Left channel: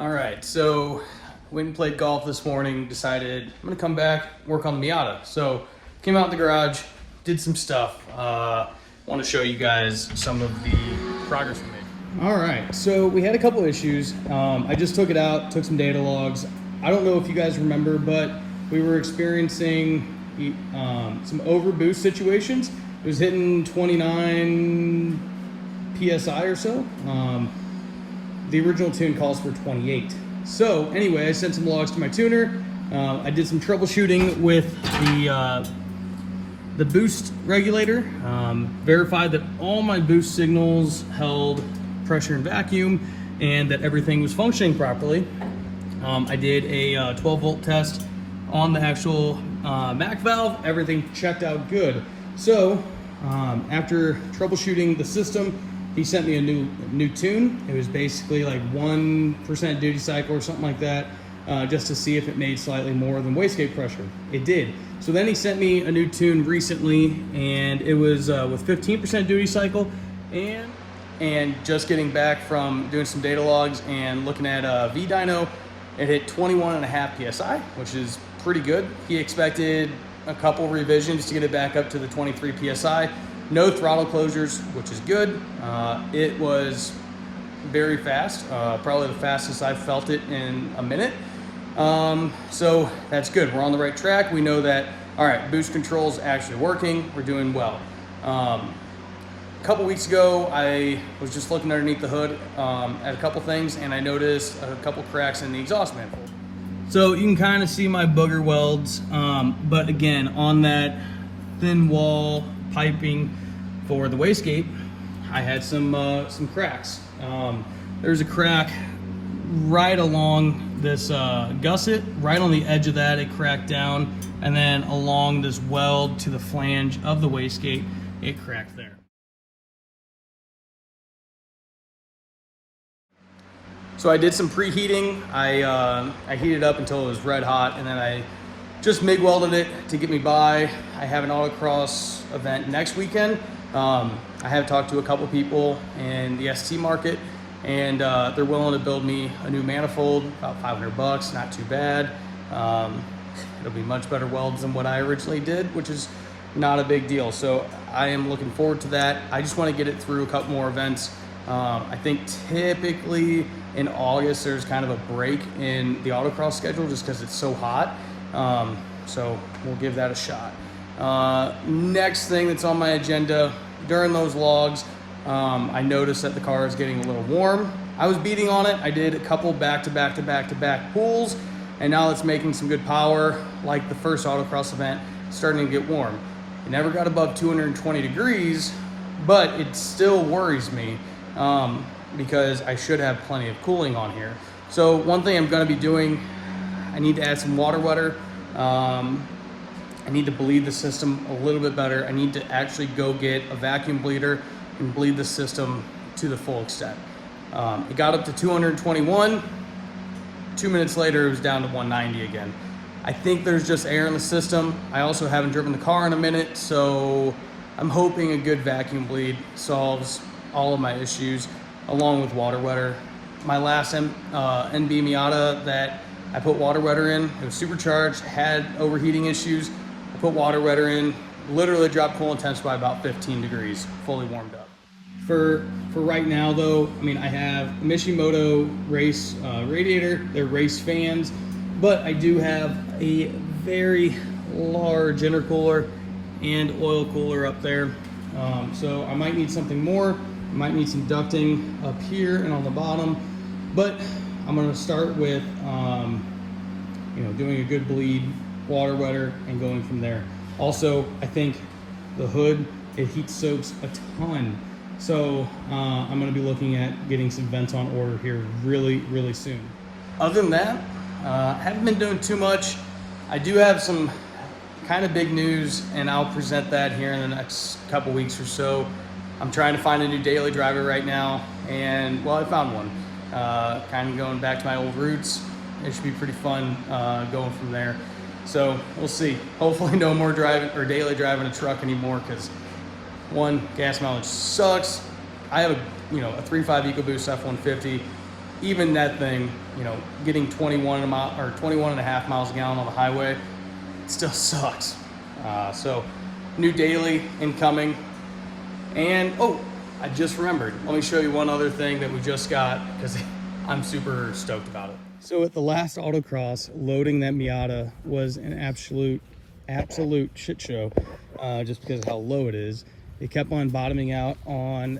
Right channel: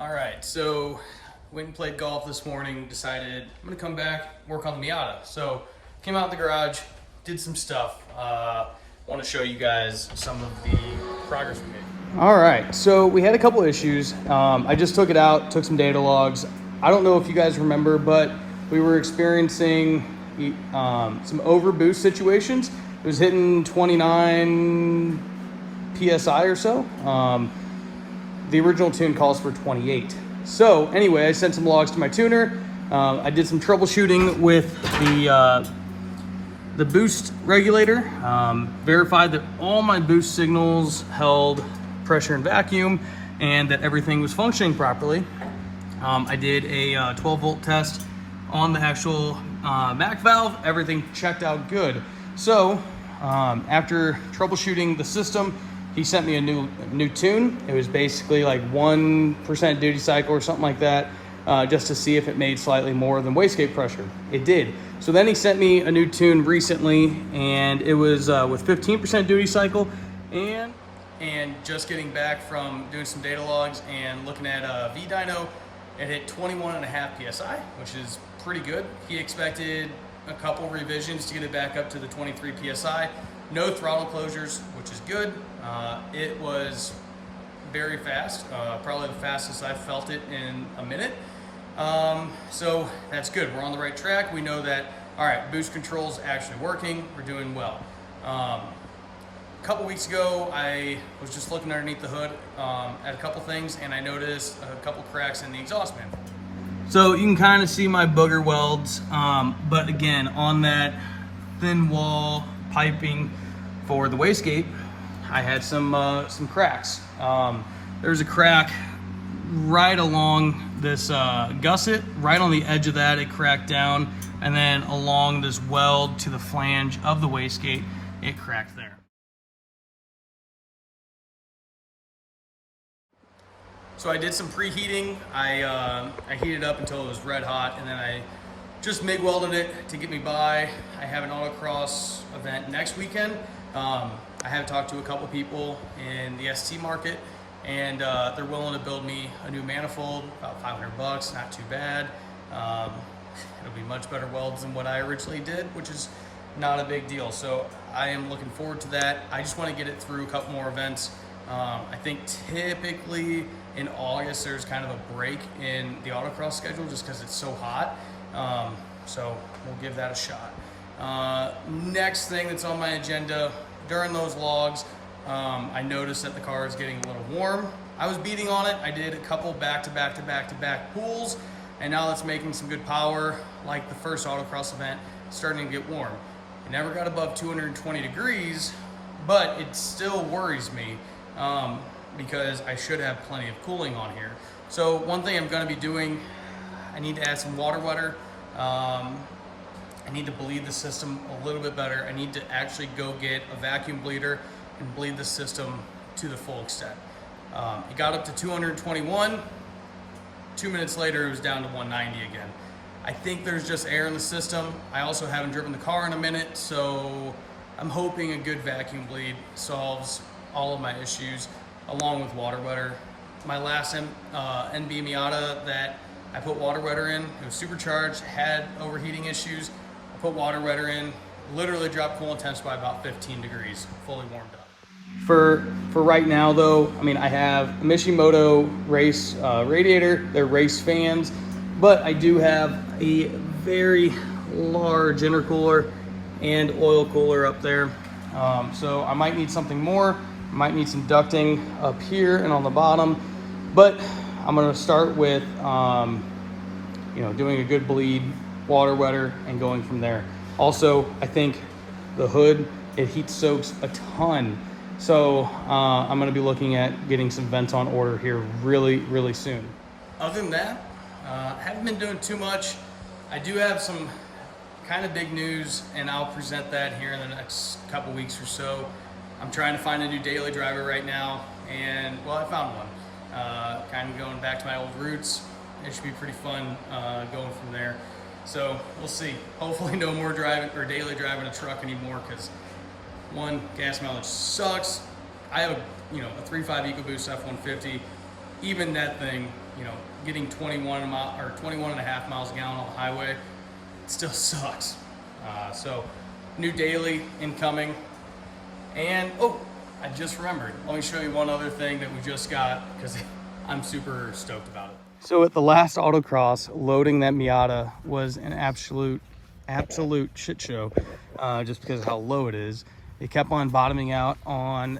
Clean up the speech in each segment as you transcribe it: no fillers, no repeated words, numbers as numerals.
All right, so went and played golf this morning, decided I'm gonna come back, work on the Miata. So came out in the garage, did some stuff. Want to show you guys some of the progress we made. All right, so we had a couple issues. I just took it out, took some data logs. I don't know if you guys remember, but we were experiencing some overboost situations. It was hitting 29 PSI or so. The original tune calls for 28. So anyway, I sent some logs to my tuner. I did some troubleshooting with the boost regulator. Verified that all my boost signals held pressure and vacuum and that everything was functioning properly. I did a 12 volt test on the actual MAC valve. Everything checked out good. So after troubleshooting the system, he sent me a new tune. It was basically like 1% duty cycle or something like that, just to see if it made slightly more than wastegate pressure. It did. So then he sent me a new tune recently, and it was with 15% duty cycle, and just getting back from doing some data logs and looking at V-dyno, it hit 21.5 PSI, which is pretty good. He expected a couple revisions to get it back up to the 23 PSI. No throttle closures, which is good. It was very fast, probably the fastest I've felt it in a minute. So that's good. We're on the right track. We know that, all right, boost control's actually working. We're doing well. A couple weeks ago, I was just looking underneath the hood at a couple things, and I noticed a couple cracks in the exhaust manifold. So you can kind of see my booger welds, but again, on that thin wall piping for the wastegate, I had some cracks. There's a crack right along this gusset, right on the edge of that, it cracked down, and then along this weld to the flange of the wastegate, it cracked there. So I did some preheating. I heated up until it was red hot, and then I just MIG welded it to get me by. I have an autocross event next weekend. I have talked to a couple people in the ST market, and they're willing to build me a new manifold, about 500 bucks, not too bad. It'll be much better welds than what I originally did, which is not a big deal. So I am looking forward to that. I just want to get it through a couple more events. I think typically in August there's kind of a break in the autocross schedule just because it's so hot. So we'll give that a shot. Next thing that's on my agenda, during those logs, I noticed that the car is getting a little warm. I was beating on it. I did a couple back-to-back pulls, and now it's making some good power, like the first autocross event, starting to get warm. It never got above 220 degrees, but it still worries me because I should have plenty of cooling on here. So one thing I'm gonna be doing, I need to add some water wetter. I need to bleed the system a little bit better. I need to actually go get a vacuum bleeder and bleed the system to the full extent. It got up to 221. 2 minutes later, it was down to 190 again. I think there's just air in the system. I also haven't driven the car in a minute, so I'm hoping a good vacuum bleed solves all of my issues, along with water wetter. My last NB Miata that I put water wetter in, it was supercharged, had overheating issues. I put water wetter in, literally dropped coolant temps by about 15 degrees, fully warmed up. For right now though, I mean, I have a Mishimoto race radiator, they're race fans, but I do have a very large intercooler and oil cooler up there. So I might need something more. I might need some ducting up here and on the bottom, but I'm gonna start with doing a good bleed, water wetter, and going from there. Also, I think the hood, it heat soaks a ton. So I'm gonna be looking at getting some vents on order here really soon. Other than that, I haven't been doing too much. I do have some kind of big news, and I'll present that here in the next couple weeks or so. I'm trying to find a new daily driver right now, and well, I found one. Kind of going back to my old roots. It should be pretty fun going from there. So we'll see. Hopefully no more daily driving a truck anymore, because one, gas mileage sucks. I have a 3.5 Ecoboost F-150. even that thing, you know, getting 21 a mile or 21 and a half miles a gallon on the highway, it still sucks. So new daily incoming. And oh, I just remembered, let me show you one other thing that we just got, because I'm super stoked about it. So at the last autocross, loading that Miata was an absolute shit show, just because of how low it is. It kept on bottoming out on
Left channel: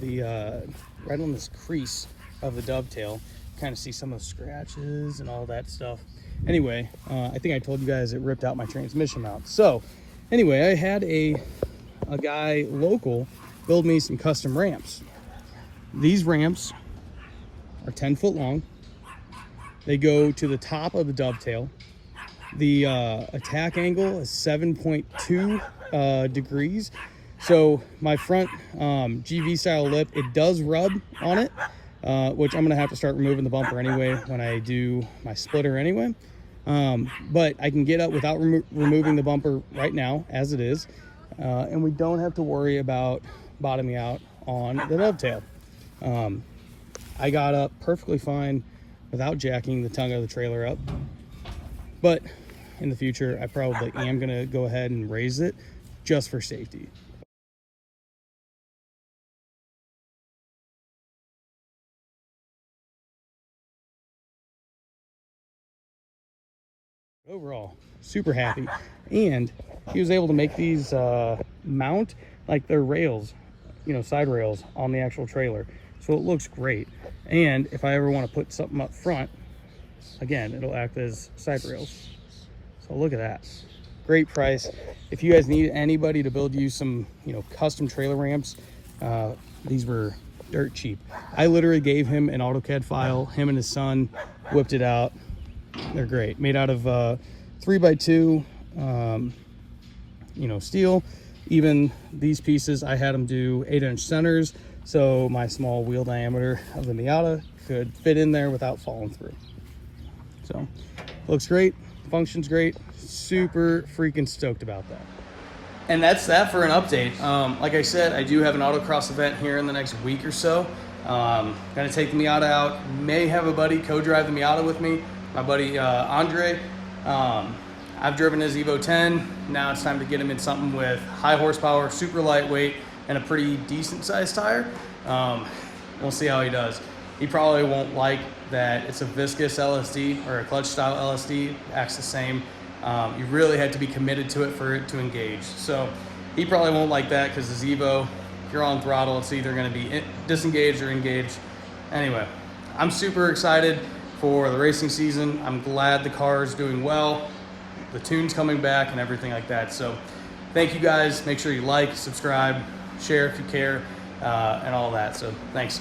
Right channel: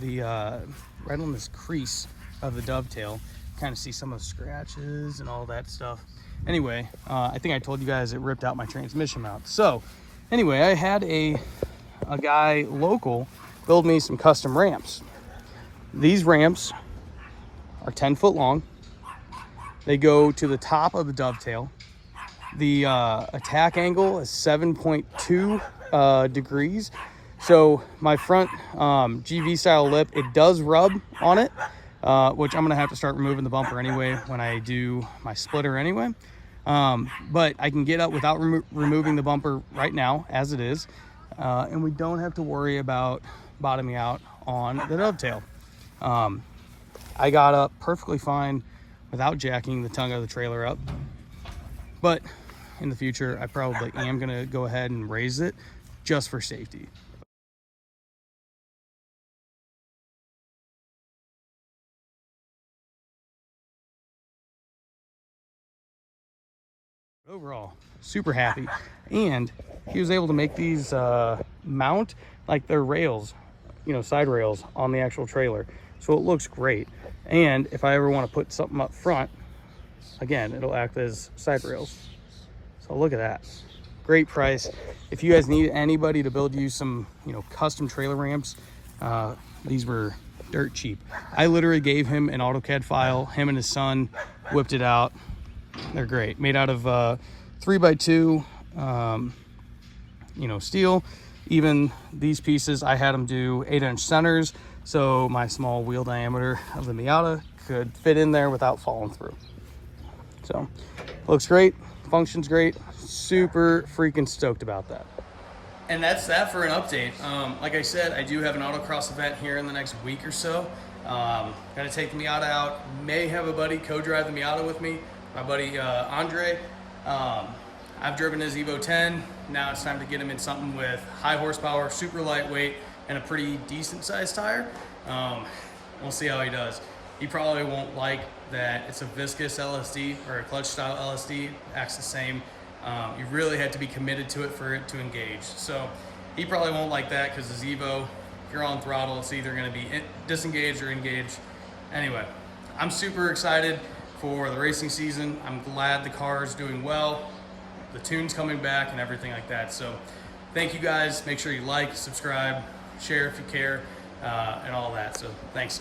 the right on this crease of the dovetail. Kind of see some of the scratches and all that stuff. Anyway, I think I told you guys it ripped out my transmission mount. So anyway, I had a guy local build me some custom ramps. These ramps are 10 foot long. They go to the top of the dovetail. The attack angle is 7.2 degrees. So my front GV style lip, it does rub on it, which I'm gonna have to start removing the bumper anyway when I do my splitter anyway. But I can get up without removing the bumper right now as it is. And we don't have to worry about bottoming out on the dovetail. I got up perfectly fine without jacking the tongue of the trailer up. But in the future, I probably am gonna go ahead and raise it just for safety. Overall, super happy. And he was able to make these mount like they're rails, you know, side rails on the actual trailer. So it looks great. And if I ever want to put something up front, again, it'll act as side rails. So look at that. Great price. If you guys need anybody to build you some, you know, custom trailer ramps, these were dirt cheap. I literally gave him an AutoCAD file. Him and his son whipped it out. They're great. Made out of 3x2, you know, steel. Even these pieces, I had them do 8-inch centers, so my small wheel diameter of the Miata could fit in there without falling through. So, looks great, functions great, super freaking stoked about that. And that's that for an update. Like I said, I do have an autocross event here in the next week or so. Gonna take the Miata out, may have a buddy co-drive the Miata with me, my buddy Andre. I've driven his Evo 10. Now it's time to get him in something with high horsepower, super lightweight, and a pretty decent sized tire. We'll see how he does. He probably won't like that it's a viscous LSD or a clutch style LSD, acts the same. You really have to be committed to it for it to engage. So he probably won't like that because his Evo, if you're on throttle, it's either gonna be disengaged or engaged. Anyway, I'm super excited for the racing season. I'm glad the car is doing well, the tune's coming back and everything like that. So thank you guys. Make sure you like, subscribe, share if you care, and all that. So thanks.